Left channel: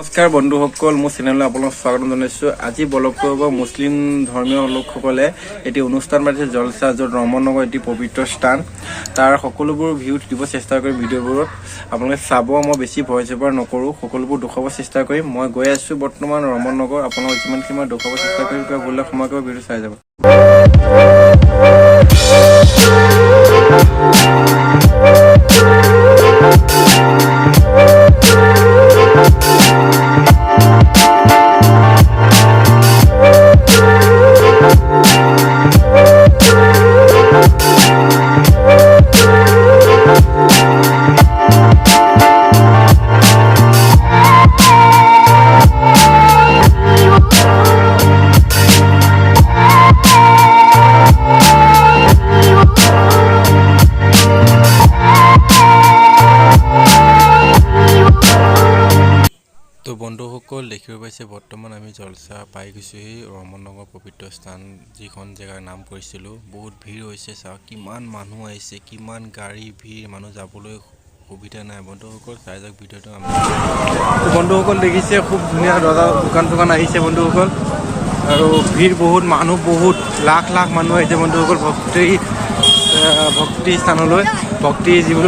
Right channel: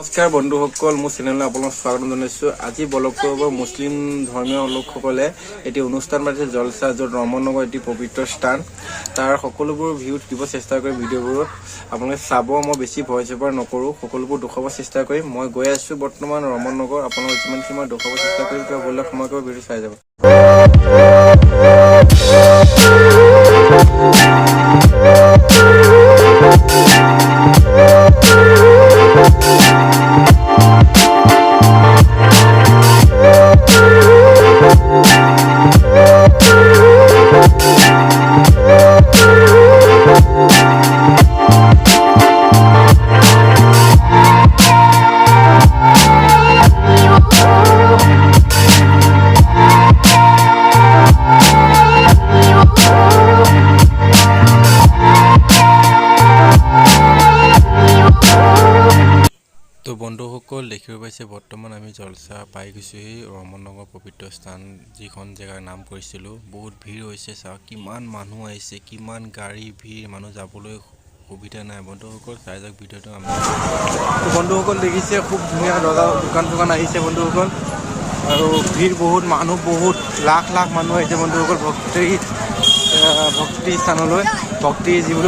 নমস্কাৰ বন্ধুসকল, মোৰ চেনেললৈ আপোনাক স্বাগতম জনাইছোঁ। আজি ব্লগটো হ'ব মুছলিম ধৰ্মীয় লোকসকলে এটি অনুষ্ঠান পাতিছে জলসা, য'ত ৰমনগৰ এটি পবিত্ৰ স্থান। তাৰ সকলোবোৰ ভিউ দিব চেষ্টা কৰিম ভিডিঅ'বোৰত। আপোনালোকে চাব, মই বেছি ভয় চভয় নকৰোঁ, সকলোবোৰ দেখুৱাব চেষ্টা কৰিম। মই গৈ আছোঁ বৰ্তমান ৰমনগৰ। আপোনালোকক যিমানখিনি মই দেখুৱাব চেষ্টা কৰিম, কিবা ভুল সময় কৰিব ভিডিঅ' চাই যাব। তো বন্ধুসকল, দেখিব পাইছে বৰ্তমান আমি জলসা পাই গৈছোঁহি ৰমনগৰ পবিত্ৰ স্থান, যিখন জেগাৰ নাম কৰিছিলোঁ। বহুত ভিৰ হৈছে, চাওক কিমান মানুহ আহিছে, কিমান গাড়ী ভিৰ, মানুহ যাবলৈ সুবিধা নাই। বন্ধুসকল চাই যাওক ভিডিঅ'টো। বন্ধুসকল দেখিছে, খুব ধুনীয়া দোকান আহিছে বন্ধুসকল, আৰু ভিৰ বহুত, মানুহ বহুত, লাখ লাখ মানুহ আহিছে বন্ধুসকল ভক্তি স্থানলৈ, ভক্তি যিবোৰ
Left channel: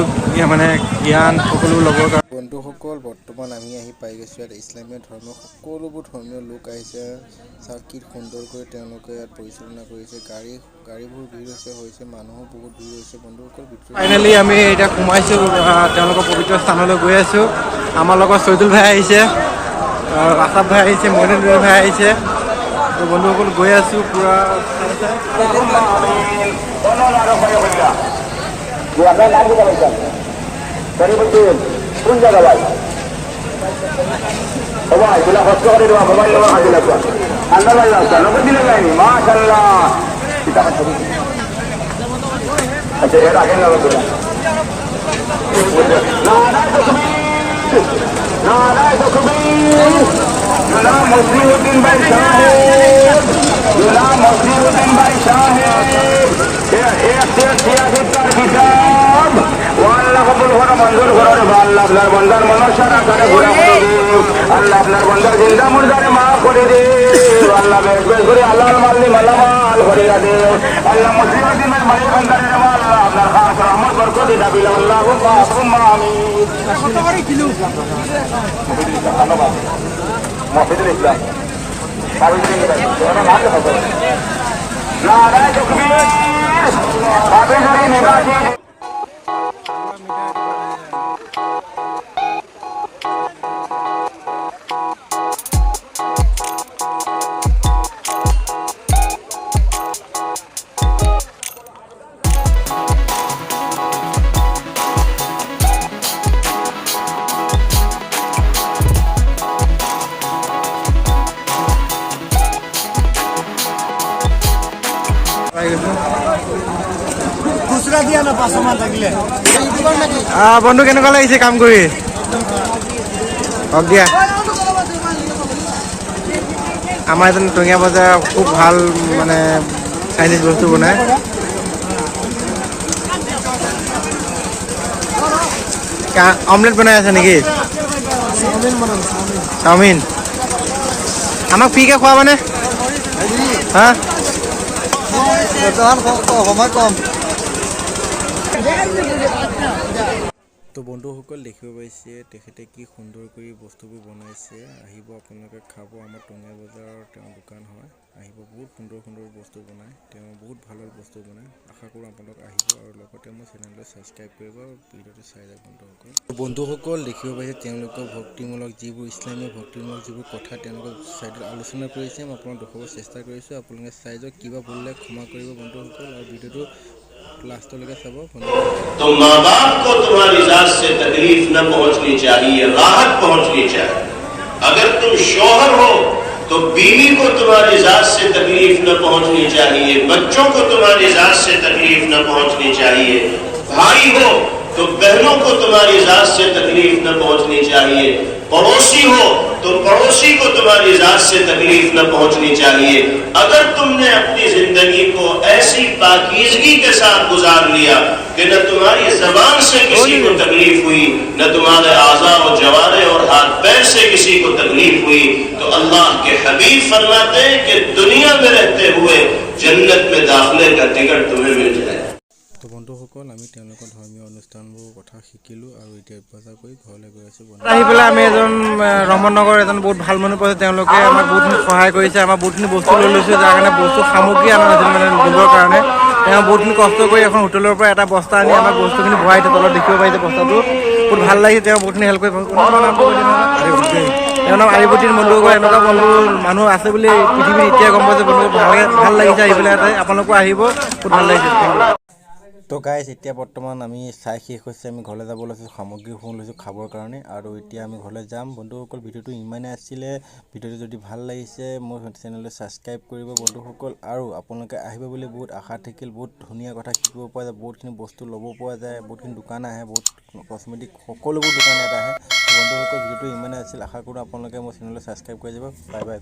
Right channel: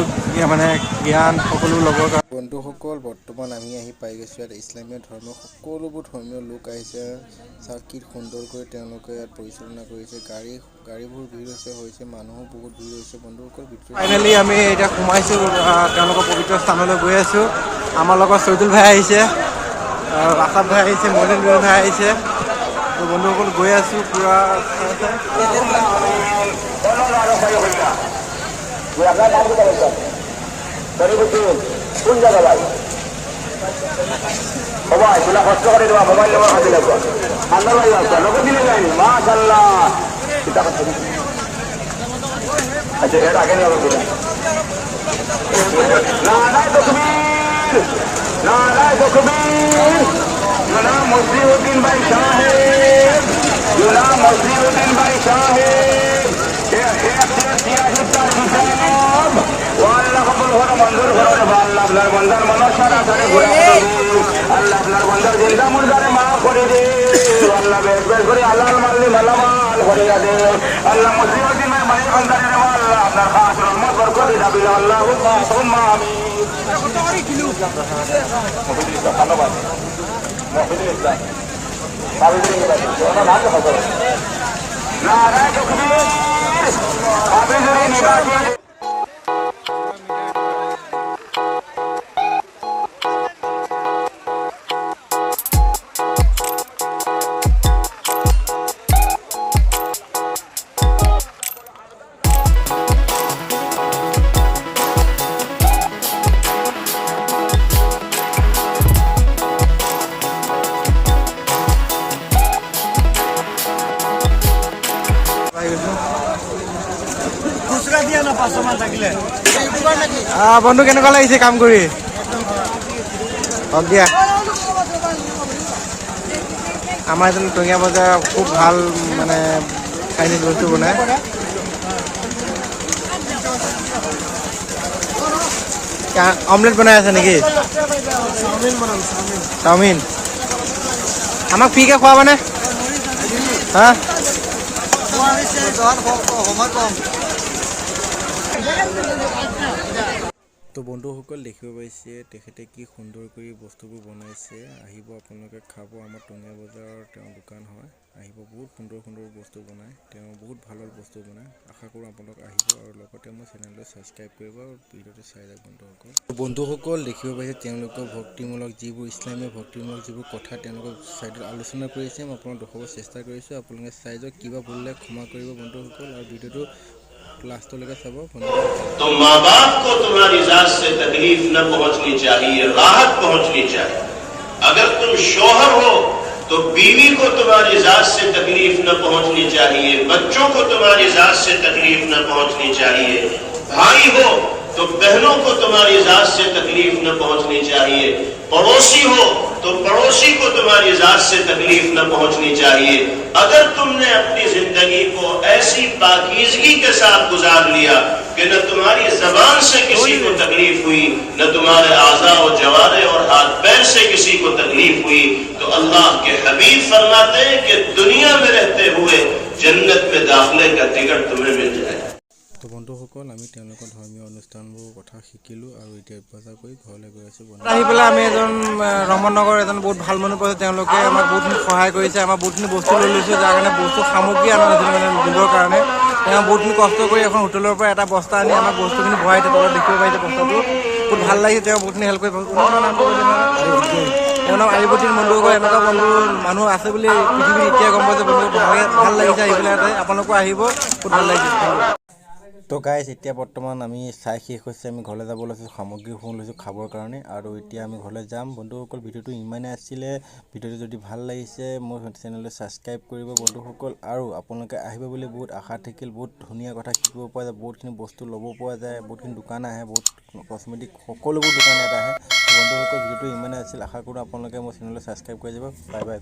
মানে জ্ঞান সকলো ল'বৰ কাৰণে। বন্ধুসকল বৰ্তমান আমি আহি পাই গৈছোঁ ইয়াত ইছলামীয় ধৰ্মৰ সকলোবোৰ ধৰ্মীয় লোক আহিছে। চাওক কি সুন্দৰকৈ তেওঁলোকে ইয়াত পৰিচালনা কৰিছে। গাড়ীবোৰ ভিৰ হৈছে, মানুহো বহুত ভিৰ হৈছে বন্ধুসকল। ফাইনেলি আমি এতিয়া সোমাইছোঁ তেওঁলোকৰ পবিত্ৰ স্থানলৈ গৈ আছোঁ। আমাৰ লগত চৈদুল ভাই আহিছে, আছাফ ভাই আহিছে, মইনুল ভাই আহিছে। তো বন্ধুসকল গৈ আছোঁ পূৰা। কোন জায়গা ভাই সবাই তোলা কষ্ট করে দেওয়া মোবাইল নেওয়া হাতে লাগবে ঠান্ডা লাগে নতুন দিলে যায়নি মাশাআল্লাহ। আচ্ছা এর আগে না মসলিউদ্দিন ভাই সাহেব, মসলিউদ্দিন ভাই সাহেব কিতাব আল্লাহ কবুল করে মঞ্জুর করে দেবো। আল্লাহ আপনার বন্দার মনসারা করে ঘুরে আল্লাহ আপনার বন্দার জিন্দা মুর্দারে মাফ করে দে। আল্লাহ বেশ বেশ করে আল্লাহ মাল্লি মালামাল করে দে। আল্লাহ মুসলিম বন্দারের আল্লাহ আপনার খাস রহমত বরকতে দাবিল আল্লাহ মফিদুল ইসলাম ধন্যবাদ। মফিদুল ইসলাম নাম হবে নারায় তকবীর। বন্ধু কেনেকুৱা লাগিছে কাম কৰি? হওক দিয়া। আমাৰ এজন টঙিয়া বজাৰ খুব ভাল মানে চাইনিজ বস্তু বনায়। অমলেট বনাই আছে নেকি? চাওমিন আমাক ফ্ৰীকে খোৱাবানে? হা তো বন্ধুসকল দেখিব পাইছে তেখেতে কি সুন্দৰ কৰি বস্তুবোৰ বনাইছে। আহিব আপোনালোকে খাব। আমাৰ টঙিয়া বজাৰৰ তেওঁৰ দোকান হয়। আহিব, বহুত সুন্দৰ সুন্দৰ বস্তু বনায় তেওঁ, বহুত ভাল ভাল বস্তু বনায়। আশা কৰোঁ আপোনালোক আহিব, আৰু লগতে মোৰ চেনেলটো ছাবস্ক্ৰাইব কৰিব আৰু ভিডিঅ'টো চাই যাওক বন্ধুসকল দেখিব পাইছে তেওঁলোকৰ ভক্তিমূলক যিবোৰ ইছলামীয় ভক্তিমূলক যিবোৰ কথা তেওঁলোকৰ ছাইডত আলোচনা কৰিছে। মই আপোনাক দেখুৱাব চেষ্টা কৰিছোঁ। আপোনালোকে চাই যাওক, কিবা ভুললে ক্ষমা কৰিব বন্ধুসকল, আৰু ভিডিঅ'টো লাষ্টলৈকে চাব। तो माँ बाप को तुम्हारी जात से तकलीफ न पहुंचनी चाहिए, राहत पहुंचनी चाहिए। अगर तुम शौहर हो तो बीवी को तुम्हारी जात से तकलीफ न पहुंचनी चाहिए, बच्चों को तुम्हारी जात से तकलीफ न पहुंचनी चाहिए, भाई हो तो बहनों को तुम्हारी जात से तकलीफ न पहुंचनी चाहिए, पड़ोसी हो तो पड़ोसी को तुम्हारी जात से तकलीफ न पहुंचनी चाहिए। अगर तुमने अपनी जिंदगी को ऐसी पाकीज़गी के साथ गुजार लिया कि न तुम्हारी जबान से किसी को तकलीफ हुई, न तुम्हारे आज़ा और जवारे और हाथ पैर से किसी को तकलीफ तकलीफ हुई तो अल्लाह के हबीब फरमाते हैं कि दुनिया में रहते हुए जन्नत में दाखिले का टिकट तुम्हें मिल जाए। তো বন্ধুসকল আমি তেওঁলোকৰ ধৰ্মীয় অনুষ্ঠানবোৰ কথা শিকিলোঁ আৰু এতিয়া বজাৰ কৰি ঘৰলৈ গৈ আছোঁ। আহি পেলাই আমি এজন ৰমননগৰ এজন বহুত ভাল মানুহ পাইছোঁ। তেওঁলোকে আমাক বহুতখিনি সহায় কৰিছে, আমাৰ বহুতখিনি বস্তু লৈ লৈছোঁ, যাৰ কাৰণে বস্তু সামগ্ৰী অনা নাছিল মানে দিবৰ কাৰণে। তেওঁ বহুতখিনি কষ্ট কৰি এখন হোটেলৰ পৰা এটা বস্তা আনি আমাক বস্তুখিনি ভৰাই দিয়ে, তলত দেখিব পাৰিছে বস্তাটো। বহুত ভাল লাগিছে, তেওঁ বহুতখিনি হেল্প কৰি। তোমাৰ নামটো কৈ দিবা। তেওঁৰ নাম আৰিবতীৰ বন্ধুসকল। এনেকুৱা বন্ধু মানুহ আছে বুলি পৃথিৱীত এতিয়া গম পাইছে। বন্ধু ভাল লাগিছে আহি পেলাই ইয়াতে। আপোনালোকো আহিব, বহুত ভাল লাগিছে। তো গাইজ এতিয়া বৰ্তমান আমি চাই শেষ হৈছে, আমি ঘৰলৈ যাব লৈছোঁ, সামগ্ৰীসমূহ লৈছোঁ খাবৰ কাৰণে আৰু এতিয়া আমি ঘৰলৈ যাম। বন্ধুসকল ভিডিঅ'টো ইমানেই আছিলে। ভিডিঅ'টো যদি ভাল লাগিছে মোৰ চেনেলটো ছাবস্ক্ৰাইব কৰিব বন্ধুসকল, আৰু আপোনালোকে আহিব বুলি বহুত আশা থাকিল। বহুত ধুনীয়া কথা শিকিব পৰা যায়, বহুতখিনি বস্তু ল'ব পৰা যায়, বহুতখিনি দোকান আহে, বহুত কচমেটিক সকলোবোৰ দোকান ইয়াত আহে। বন্ধুসকল ভিডিঅ'টো ইমানেই আছিল, আশা কৰোঁ আপোনালোকে মোৰ চেনেলটো ছাবস্ক্ৰাইব কৰি যাব। Bye bye.